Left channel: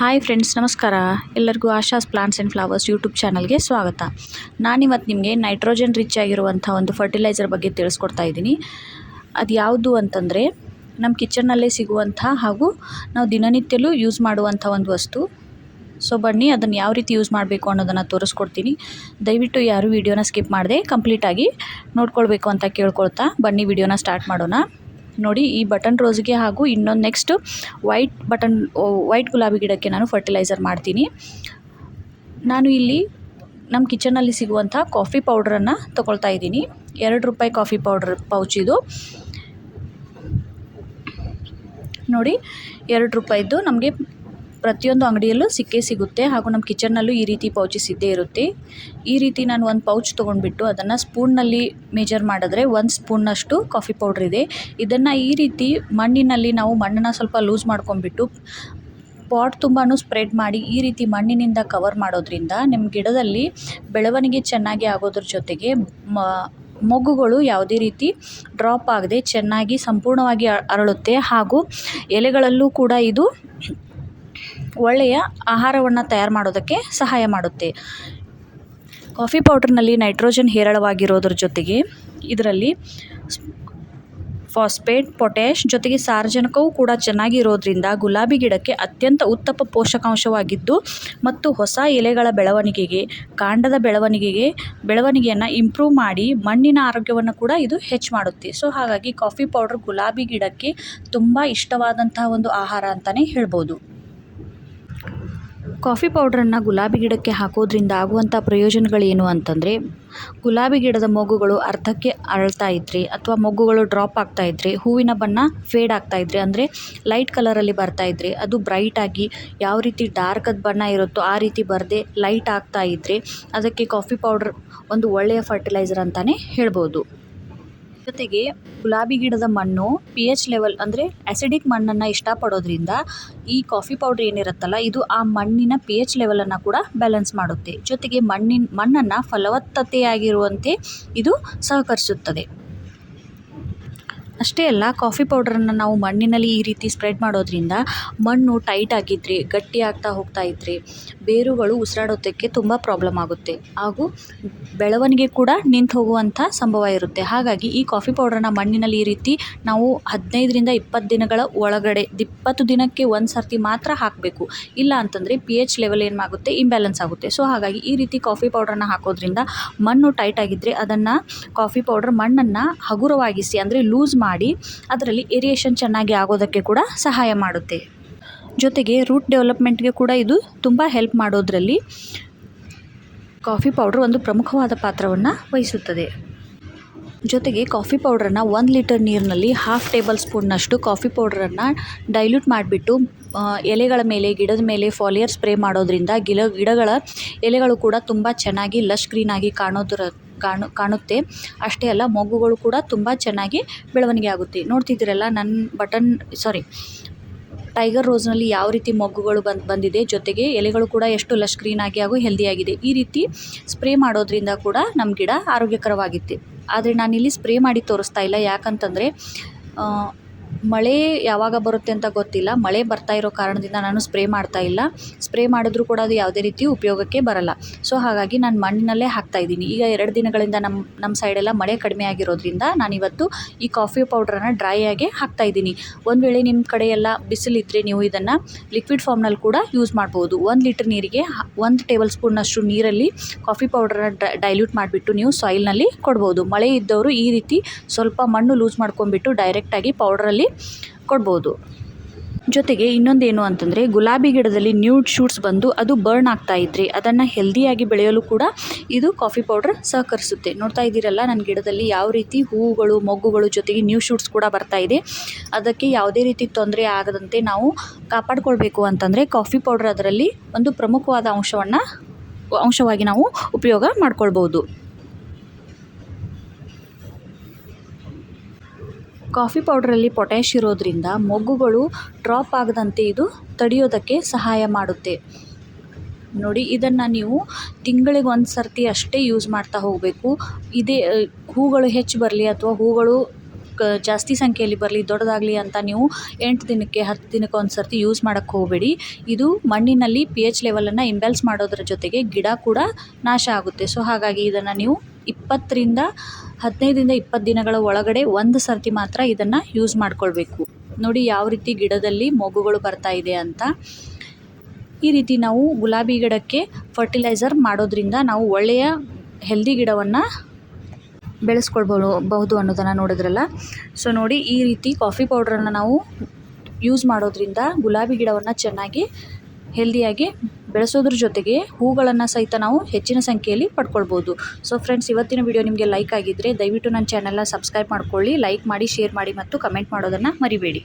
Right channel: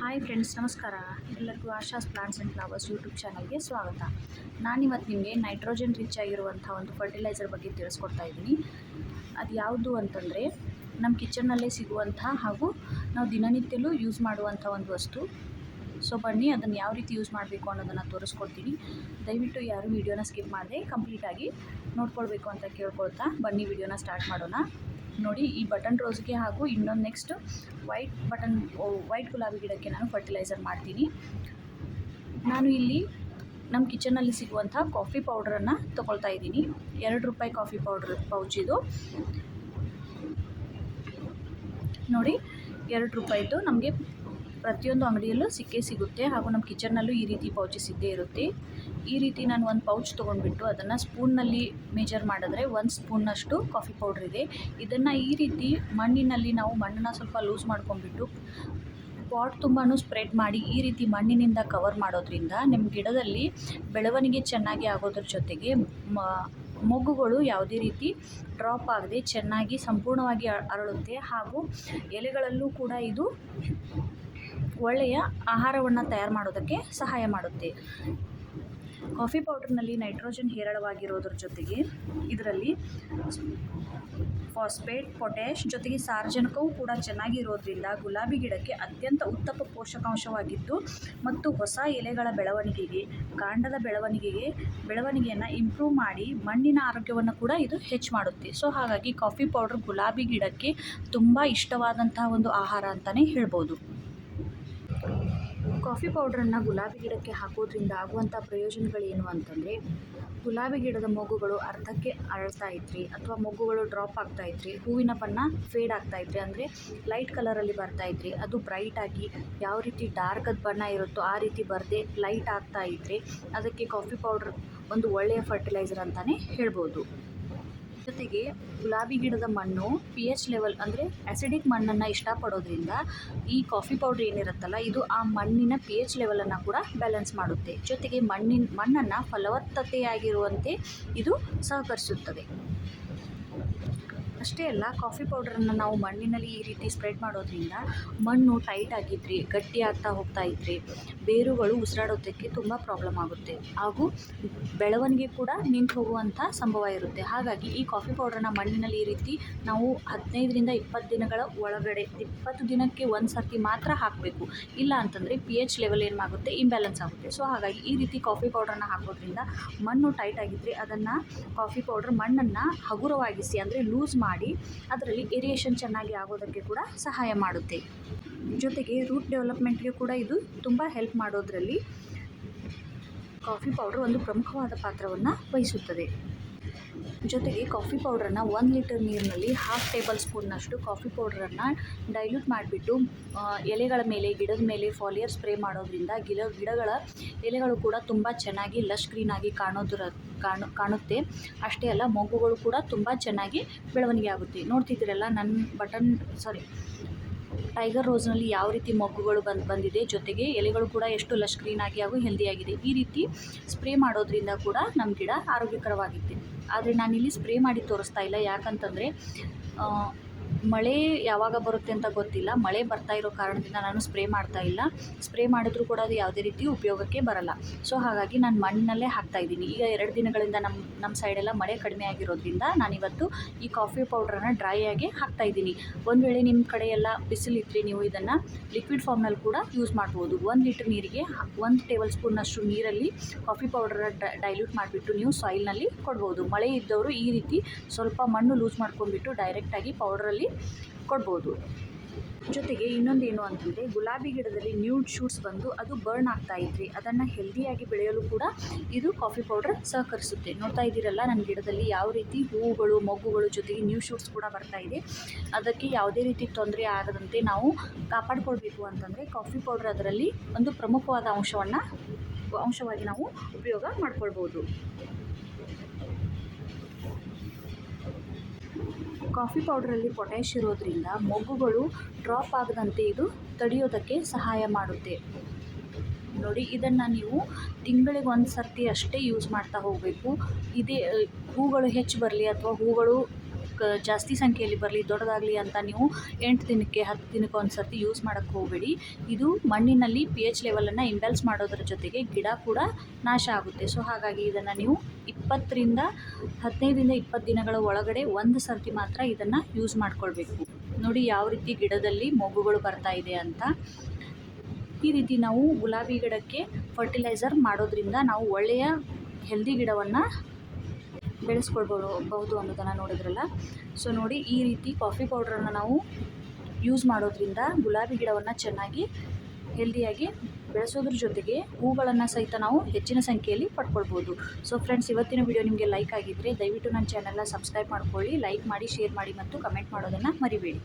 Hi friends, ನಮಸ್ಕಾರ. ಎಲ್ಲರಿಗೂ Asha's plants and flowers YouTube ಚಾನಲ್ಗೆ ಸ್ವಾಗತ. ನಾನಿವತ್ತು ನಿಮಗೆ ನೈಟ್ರೋಜನ್ ರಿಚ್ ಆಗಿರುವಂಥ ಒಂದು ಫರ್ಟಿಲೈಸರ್ ಬಗ್ಗೆ ತಿಳಿಸ್ಕೊಡ್ತಾ ಇದ್ದೀನಿ. ಅದು ಯಾವುದು ಅಂತಂದರೆ ನಮ್ಮ ಕಿಚನ್ನಲ್ಲೇ ಸಿಗುವಂಥ ಹಾಗೂ ನಾವು ದಿನನಿತ್ಯಲೂ ಯೂಸ್ ಮಾಡುವಂಥ ಒಂದು ವಸ್ತು. ಸೊ ಬನ್ನಿ, ಅದನ್ನು ಯಾವ ರೀತಿ ಯೂಸ್ ಮಾಡಬೇಕು ಅನ್ನೋದನ್ನು ತೋರಿಸ್ಕೊಡ್ತೀನಿ. ದಯವಿಟ್ಟು ಯಾರು ವೀಡಿಯೋನ ಸ್ಕಿಪ್ ಮಾಡದೆ ಕಂಪ್ಲೀಟಾಗಿ ನೋಡ್ಕೊಳ್ಬೇಕು ಅಂತ ಕೇಳ್ಕೊಳ್ತಾ ಬನ್ನಿ ವಿಡಿಯೋನ ಸ್ಟಾರ್ಟ್ ಮಾಡೋಣ. ನೋಡಿ ಈ ಬಟನ್ ರೋಸ್ಗೆ ಹಾಗೂ ಇನ್ನೊಂದು ನೆಕ್ಸ್ಟ್ ವೈಟ್ ಬಟನ್ ವೈಟ್ ಗುಲಾಬಿ ಗಿಡಕ್ಕೆ ನಾನು ಫರ್ಟಿಲೈಸರ್ ಮಾಡ್ತೀನಿ. ನಾನು ಇಲ್ಲಿ ನಮ್ಮ ಕಿಚನಲ್ಲಿ ಸಿಗುವಂಥ ಕಾಫಿ ಪೌಡ್ರನ್ನು ತೊಗೊಳ್ತಾ ಇದ್ದೀನಿ. ಎರಡು ರೂಪಾಯಿ ಕಾಫಿ ಪೌಡ್ರ್ ಪೌಚ್ ಇದು. ನೋಡಿ, ಎರಡು ರೂಪಾಯಿದ್ದು ನಮಗೆ ಪ್ರತಿಯೊಂದು ಅಂಗಡಿಯಲ್ಲೂ ಸಿಕ್ಕೇ ಸಿಗುತ್ತೆ ಹಾಗೂ ನಮ್ಮ ಕಿಚನ್ನಲ್ಲೂ ಈ ರೀತಿ ಪೌಚಸ್ ಇದ್ದೇ ಇರುತ್ತೆ. ಈ ರೀತಿ ನಾನು ಒಂದು ಪೌಚ್ ತೊಗೊಂಡ್ಬಿಟ್ಟು ಅದನ್ನು ಸ್ಪೂನ್ನಲ್ಲಿ ಮೇಜರ್ ಮಾಡಿದ್ರೆ ಒಂದು ಸ್ಪೂನ್ನಷ್ಟು ಕಾಫಿ ಪೌಡ್ರ್ ಇದೆ. ಇದನ್ನು ಈ ರೀತಿ ಮಣ್ಣಿನಲ್ಲಿ ನಾವು ಮಣ್ಣನ್ನು ಸ್ವಲ್ಪ ಲೂಸ್ ಮಾಡ್ಕೊಂಡ್ಬಿಟ್ಟು ಪಾಟ್ ತುಂಬಾ ಸ್ಪ್ರೆಡ್ ಮಾಡಿ ಈ ರೀತಿ ಮಣ್ಣಿನಿಂದ ಕವರ್ ಮಾಡೋದ್ರಿಂದ ನಿಮ್ಮ ಗಿಡದಲ್ಲಿ ಬೆಳವಣಿಗೆ ಚೆನ್ನಾಗಿ ಆಗೋದ್ರ ಜೊತೆಗೆ ಮ, ಮೊಗ್ಗುಗಳು ಯಾವುದೇ ರೀತಿ ಡ್ರಾಪ್ ಆಗದೆ ಚೆನ್ನಾಗಿ ಸಂಪೂರ್ಣವಾಗಿ ಅರಳುತ್ತೆ ಹಾಗೂ ಎಲೆಗಳಲ್ಲೂ ಕೂಡ ಇದು ಒಳ್ಳೆಯ ಆಹಾರವನ್ನು ತಯಾರು ಮಾಡೋದಕ್ಕೆ ಸಹಾಯ ಮಾಡುತ್ತೆ. ಕಾಫಿ ಪೌಡರ್ನಲ್ಲಿ ನೈಟ್ರೋಜನ್ ಹೇರಳವಾಗಿರೋದ್ರ ಜೊತೆಗೆ ಇದರಲ್ಲಿ ಫಾಸ್ಫೇಟ್, ಪೊಟ್ಯಾಷ್ ಜೊತೆಗೆ ಸಾರಜನಕವೂ ಕೂಡ ಚೆನ್ನಾಗಿರೋದ್ರಿಂದ ಗುಲಾಬಿ ಗಿಡಕ್ಕೆ ಅತ್ಯಂತ ಉತ್ತಮ ಪೋಷಕಾಂಶವಾಗಿದ್ದು ಮತ್ತು ಹೊಸ ಎಲೆಗಳ ಬೆಳವಣಿಗೆಗೆ, ಕಾಂಡದ ಬೆಳವಣಿಗೆಗೆ, ಬೆಳವಣಿಗೆಯನ್ನು ಇಂಪ್ರೂವ್ ಮಾಡಿ ಮಣ್ಣಿನ ಆರೋಗ್ಯವನ್ನು ಕೂಡ ಇದು ಹೆಚ್ಚು ಮಾಡುತ್ತೆ. ಸೊ ಹಾಗಾಗಿ ಕಾಫಿ ಪೌಡ್ರ್ ಗುಲಾಬಿ ಗಿಡಕ್ಕೆ ತುಂಬ ಇಷ್ಟವಾದಂತಹ ಒಂದು ಆಹಾರ ಅಂತಲೇ ಹೇಳ್ಬೋದು. ಕಾಫಿ ಪೌಡ್ರನ್ನು ಗುಲಾಬಿ ಗಿಡಕ್ಕೆ ಹಾಕೋದ್ರಿಂದ ಆಗುವಂಥ ಪ್ರಯೋಜನಗಳೇನು ಅಂತಂದರೆ, ಗುಲಾಬಿ ಗಿಡದ ಮೊಗ್ಗುಗಳು ಅರ್ಧಕ್ಕೆ ಅರಳ್ತಾ ಇದ್ರಿ ಅಥವಾ ಮೊಗ್ಗುಗಳು ಡ್ರಾಪ್ ಆಗ್ತಾ ಇದ್ರಿ, ಹೂವಿನ ಬಣ್ಣ ಫೇಡ್ ಆಗ್ತಾ ಇದ್ರಿ ಅಂದರೆ ಲೈಟ್ ಕಲರಲ್ಲಿ ಬರ್ತಾ ಇದ್ರಿ, ಅದು ಬ್ರೈಟ್ ಆಗಿ ಯಾವ ರೀತಿ ಡಾರ್ಕದ ಬಣ್ಣ ಇರುತ್ತೋ ಆ ರೀತಿ ಬರದೆ ಲೈಟ್ ಆಗ್ತಾ ಇದ್ದರೆ ಅದಕ್ಕೆ ಕಾಫಿ ಪೌಡ್ರ್ ಒಂದು ಒಳ್ಳೆಯ ಫರ್ಟಿಲೈಸರ್ ಅಂತಲೇ ಹೇಳ್ಬೋದು. ಜೊತೆಗೆ ಗುಲಾಬಿ ಗಿಡದ ಮಣ್ಣು ಪಿ ಎಚ್ ಲೆವೆಲ್ ಅಂದರೆ ಮಣ್ಣನ್ನ ಮಣ್ಣನ್ನು ಇಷ್ಟಪಡೋದ್ರಿಂದ ಈ ಕಾಫಿ ಪೌಡರ್ ಏನಿರುತ್ತಲ್ಲ, ಇದು ಆ ಮಣ್ಣಿನ ಪಿ ಎಚ್ ಲೆವೆಲನ್ನು ಕೂಡ ಬ್ಯಾಲೆನ್ಸ್ ಮಾಡುತ್ತೆ. ಜೊತೆಗೆ ಮಣ್ಣಿನ ಮಣ್ಣನ್ನು ಫಲವತ್ತತೆಯಾಗಿರುವಂತೆ ಇದು ಸಹಕರಿಸುತ್ತದೆ. ಅಷ್ಟೇ ಅಲ್ಲ, ಕಾಫಿ ಪೌಡರನ್ನು ನಾವು ಮಣ್ಣಿನಲ್ಲಿ ಈ ರೀತಿ ಸ್ಪ್ರೆಡ್ ಮಾಡೋದ್ರಿಂದ ಮಣ್ಣು ಟೈಟ್ ಆಗಿದ್ರಿ, ಗಟ್ಟಿ ಆಗ್ತಾ ಹೋಗ್ತಾ ಇದ್ರಿ ಬೇರುಗಳು ಉಸಿರಾಡೋದಕ್ಕೆ ತುಂಬ ಪ್ರಾಬ್ಲಮ್ ಆಗುತ್ತೆ. ಹಾಗೂ ಬೆಳವಣಿಗೆ ಕೂಡ ನಿಂತು ಹೋಗುವಂಥ ಸಂಭವ ಇರುತ್ತೆ. ಹಾಗಾಗಿ ಈ ಕಾಫಿ ಪೌಡ್ರನ್ನ ಮಣ್ಣಿನಲ್ಲಿ ಈ ರೀತಿ ನಾವು ಹದಿನೈದರಿಂದ ಇಪ್ಪತ್ತು ದಿನಗಳ ಒಳಗಡೆ, ಇಪ್ಪತ್ತು ದಿನಕ್ಕೆ ಒಂದು ಸರ್ತಿ ಮಾತ್ರ ಹಾಕಬೇಕು. ಇಲ್ಲ ಅಂತಂದರೆ ಪಿ ಎಚ್ ಲೆವೆಲ್ ಏನಾಗುತ್ತೆ ಇಂಬ್ಯಾಲೆನ್ಸ್ ಆಗುತ್ತೆ. ಸೊ ಹಾಗಾಗಿ ಈ ರೀತಿ ಕಾಫಿ ಪೌಡ್ರನ್ನ ಹಾಕೋದ್ರಿಂದ ಮಣ್ಣು ಟೈಟ್ ಆಗಿದ್ದರೆ ಅದನ್ನು ಕಾಫಿ ಪೌಡ್ರ್ ಮಣ್ಣನ್ನು ಹಗುರವಾಗಿಸಿ, ಅಂದರೆ ಲೂಸ್ ಮಾಡಿ ಅದರಲ್ಲಿ ಏರಿಯೇಷನ್ ಚೆನ್ನಾಗಿ ಆಗೋದಕ್ಕೆ ಕೂಡ ಸಹಾಯ ಮಾಡುತ್ತೆ. ಜೊತೆಗೆ ರೂಟ್ ಡೆವಲಪ್ಮೆಂಟ್ಗೆ ಕೂಡ ಇದು ತುಂಬ ಹೆಲ್ಪ್ ಮಾಡೋದರಲ್ಲಿ ಕಾಫಿ ಪೌಡ್ರ್ ಒಂದು ಪ್ರಮುಖವಾದ ಪಾತ್ರವನ್ನು ವಹಿಸುತ್ತದೆ. ಜೊತೆಗೆ ಕಾಫಿ ಪೌಡ್ರನ್ನು ಒಂದು ಲೀಟರ್ ನೀರಿನಲ್ಲಿ ಹಾಫ್ ಟೇಬಲ್ ಸ್ಪೂನ್ನಷ್ಟು ಕಾಫಿ ಪೌಡ್ರನ್ನು ಡೈಲ್ಯೂಟ್ ಮಾಡಿಬಿಟ್ಟು ಎಲೆಗಳ ಮೇಲೆ, ಗಿಡದ ಮೇಲೆ ಫಾಲಿಯರ್ ಸ್ಪ್ರೇ ಮಾಡೋದ್ರಿಂದ ಗಿಡ ಗಿಡಗಳ ಎಲೆಗಳು ಕೂಡ ತುಂಬ ಚೆನ್ನಾಗಿ ಲಶ್ ಗ್ರೀನಾಗಿ ಕಾಣೋದ್ರ ಕಾಣು, ಕಾಣುತ್ತೆ. ಅಷ್ಟೇ ಅಲ್ಲ, ಮೊಗ್ಗುಗಳು ಕೂಡ ತುಂಬ ಚೆನ್ನಾಗಿ ಬೆಳವಣಿಗೆ ಆಗುತ್ತೆ. ನೋಡ್ತಿದ್ದೀರಲ್ಲ ನನ್ನ ಬಟನ್ ಸಾರಿ ಟೈಗರ್ ರೋಸ್ನಲ್ಲಿ ಯಾವ ರೀತಿ ಮೊಗ್ಗುಗಳು ಬಂದು, ಬಂದಿದೆ, ಜೊತೆಗೆ ಎಲೆಗಳು ಕೂಡ ಎಷ್ಟು ಲಶ್ ಆಗಿ ಹಾಗೂ ಹೆಲ್ದಿಯಾಗಿದೆ ಈ ರೀತಿ ಸ್ಪ್ರೇ ಮಾಡೋದ್ರಿಂದ ಕೂಡ ನಮ್ಮ ಗಿಡ ಆರೋಗ್ಯಕರವಾಗಿತ್ತು ಆದರೆ ನಾನಿಲ್ಲಿ ಸ್ಪ್ರೇ ಮಾಡಿ ತೋರಿಸ್ತಾ ಇಲ್ಲ. ಯಾಕಂತಂದರೆ ಮಳೆ ಯಾವಾಗ ಬರುತ್ತೆ ಅಂತ ಗೊತ್ತಿಲ್ಲ. ಮಳೆ ಬರ್ತಾ ಇರೋ ಕಾರಣದಿಂದ ನಾನು ಸ್ಪ್ರೇ ಮಾಡ್ತಾ ಇಲ್ಲ. ಸ್ಪ್ರೇ ಮಾಡಿದ್ರೂ ಕೂಡ ಅದು ಯಾವುದೇ ರೀತಿ ಉಪಯೋಗಕ್ಕೆ ಬರಲ್ಲ. ಸೊ, ಹಾಗಾಗಿ ನಾನು ಮಣ್ಣಿನಲ್ಲೇ ಹಾಕ್ತಾ ಇದ್ದೀನಿ. ಈಗ ಎರಡು ದಿನಗಳಿಂದ ನಮ್ಮ ನಮ್ಮ ಸೈಡೆಲ್ಲ ಮಳೆ ಕಡಿಮೆ ಆಗಿರೋದ್ರಿಂದ ನಾನಿವತ್ತು ಈ ಕಾಫಿ ಪೌಡ್ರನ್ನು ಡ್ರೈ ಆಗಿ ಹಾಕ್ತಾ ಇದ್ದೀನಿ. ಒಂದು ವೇಳೆ ನಿಮ್ಮ ಕಡೆ ಎಲ್ಲ ಬಿಸಿಲಿದ್ದರೆ ನೀವು ಇದನ್ನು ಲಿಕ್ವಿಡ್ ಫಾರ್ಮ್ನಲ್ಲಿ ಕೂಡ ಯೂಸ್ ಮಾಡ್ಬೋದು. ಒಂದು ಲೀಟ್ರ್ ನೀರಿಗೆ ಒಂದು ಟೇಬಲ್ ಸ್ಪೂನ್ನಷ್ಟು ನೀರಲ್ಲಿ ಕಾಫಿ ಪೌಡ್ರನ್ನ ಡೈಲ್ಯೂಟ್ ಮಾಡಿಬಿಟ್ಟು ನೀವು ಸಾಯಿಲ್ನಲ್ಲಿ ಕೊಡ್ಬೋದು. ಮಳೆ ಇದ್ದವರು ಈ ರೀತಿ ಸ್ವಲ್ಪ ಮಣ್ಣು ಲೂಸ್ ಮಾಡ್ಕೊಂಡ್ಬಿಟ್ಟು ಡೈರೆಕ್ಟಾಗಿ ಪೌಡ್ರಲ್ಲಿ ಕೊಡ್ಬೋದು. ಜೊತೆಗೆ ಇನ್ನೊಂದೇನು ಅಂತಂದರೆ, ಗುಲಾಬಿ ಗಿಡದಲ್ಲಿ ನ್ಯೂಡ್ ಶೂಟ್ಸ್ ಬಂದು ಅದು ಬರ್ನ್ ಆಗ್ತಾ ಇದ್ರಿ ಅದನ್ನು ಹೆಲ್ದಿಯಾಗಿ ಬೆಳೆಯಲು ಕೂಡ ಇದು ಕಾಫಿ ಪೌಡ್ರ್ ಸಹಕರಿಸುತ್ತೆ. ನೋಡ್ತಾ ಇದ್ದೀರಲ್ಲ ನನ್ನ ಗಿಡದಲ್ಲಿ ಯಾವ ರೀತಿ ಹೂವುಗಳು, ಮೊಗ್ಗುಗಳು ಜೊತೆಗೆ ನ್ಯೂ ಶೂಟ್ಸ್ ಕೂಡ ಬರ್ತಾ ಇದೆ. ಅದಕ್ಕೆ ಯಾವುದೇ ರೀತಿ ತೊಂದರೆ ಆಗದಂತೆ ನಾವು ಕಾಪಾಡಿಕೊಳ್ಬೇಕು ಅಂತಂದರೆ, ಕಾಫಿ ಪೌಡ್ರ್ ಅದರಲ್ಲಿ ಒಂದು ಪ್ರಮುಖವಾದ ಅಂಶವನ್ನು, ಅಂಶವಾಗಿ ನಾವು ಉಪಯೋಗ ಮಾಡ್ಕೊಳ್ಬೋದು. ಕಾಫಿ ಪೌಡ್ರಲ್ಲಿ ಪೊಟ್ಯಾಶ್ ಇರೋದ್ರಿಂದ ಮೊಗ್ಗುಗಳು ಡ್ರಾಪ್ ಆಗದಂತೆ ಇದು ತಡೆಯೋದಕ್ಕೆ ಸಹಾಯ ಮಾಡುತ್ತೆ. ನೋಡಿ, ಇದನ್ನು ನೀವು ತಿಂಗಳಿಗೆ ಒಂದು ಸರ್ತಿ ಅಷ್ಟೇ ಯೂಸ್ ಮಾಡ್ತಾ ಹೋಗಬೇಕು. ಇದೇ ಹೂಗಳು ಹೆಚ್ಚು ಬರಲಿ ಅಥವಾ ಹೂಗಳು ಕ, ಜಾಸ್ತಿ ಸಂಖ್ಯೆಯಲ್ಲಿ ಬರಲಿ, ದೊಡ್ಡದಾಗಲಿ ಅಂತ ನೀವು ಎಂಟು ದಿನಕ್ಕೆ, ಹತ್ತು ದಿನಕ್ಕೆ ಒಂದು ಸರ್ತಿ ಯೂಸ್ ಮಾಡೋಕ್ಕೆ ಹೋಗಬೇಡಿ. ಇದು ಮಣ್ಣಿನಲ್ಲಿ ಪಿ ಎಚ್ ಲೆವೆಲನ್ನು ಇಂಬ್ಯಾಲೆನ್ಸ್ ಮಾಡೋದ್ರ ಜೊತೆಗೆ ಗಿಡ ಕೂಡ ನಾಶ ಆಗುತ್ತೆ. ಸೊ ಹಾಗಾಗಿ ಇದನ್ನು ನೀವು ಇಪ್ಪತ್ತರಿಂದ ಹದಿನೈದರಿಂದ ಇಪ್ಪತ್ತು ದಿನಗಳ ಒಳಗಡೆ ಒಂದು ಸರ್ತಿ ಮಾತ್ರ ಇದನ್ನು ಯೂಸ್ ಮಾಡ್ಕೊಳ್ಬೇಕು. ನೋಡಿ ಯಾವ ರೀತಿ ಗಿಡದಲ್ಲಿ ಮೊಗ್ಗುಗಳು ಬರ್ತಾ ಇದೆ ಅಂತ. ಈ ರೀತಿ ನಾವು ಗುಲಾಬಿ ಗಿಡಕ್ಕೆ ಫರ್ಟಿಲೈಸರ್ ಮಾಡೋದ್ರಿಂದ ನಾವು ಒಳ್ಳೆಯ ಹೆಲ್ದಿ ಗಿಡವನ್ನು ಬೆಳೆಸ್ಕೊಳ್ಬೋದು ಬಹುದು ಅನ್ನೋದನ್ನು ನೋಡಿದ್ರಲ್ಲ. ಸೊ ನೋಡಿ ಈ ರೀತಿ ಕಾಫಿ ಪೌಡ್ರನ್ನು ನಾವು ಯೂಸ್ ಮಾಡೋದ್ರಿಂದ ಗುಲಾಬಿ ಗಿಡವನ್ನು ಚೆನ್ನಾಗಿ ಹೆಲ್ದಿಯಾಗಿ ಬೆಳೆಸೋದ್ರ ಜೊತೆಗೆ ಹೂಗಳನ್ನು ಸಹಿತ ನಾವು ಹೆಚ್ಚಿನ ಸಂಖ್ಯೆಯಲ್ಲಿ ಪಡ್ಕೊಳ್ಬೋದು. ಸೊ ಫ್ರೆಂಡ್ಸ್ ಇವತ್ತಿನ ವಿಡಿಯೋ ನಿಮಗೆ ಲೈಕ್ ಆಗಿದ್ದರೆ ದಯವಿಟ್ಟು ನನ್ನ ಚಾನಲ್ನ ಸಬ್ಸ್ಕ್ರೈಬ್ ಮಾಡ್ಕೊಳ್ಳಿ ಲೈಕ್ ಮಾಡಿ ಶೇರ್ ಮಾಡಿ ಮತ್ತು ಕಮೆಂಟ್ ಮಾಡೋದನ್ನು ಮರಿಬೇಡಿ.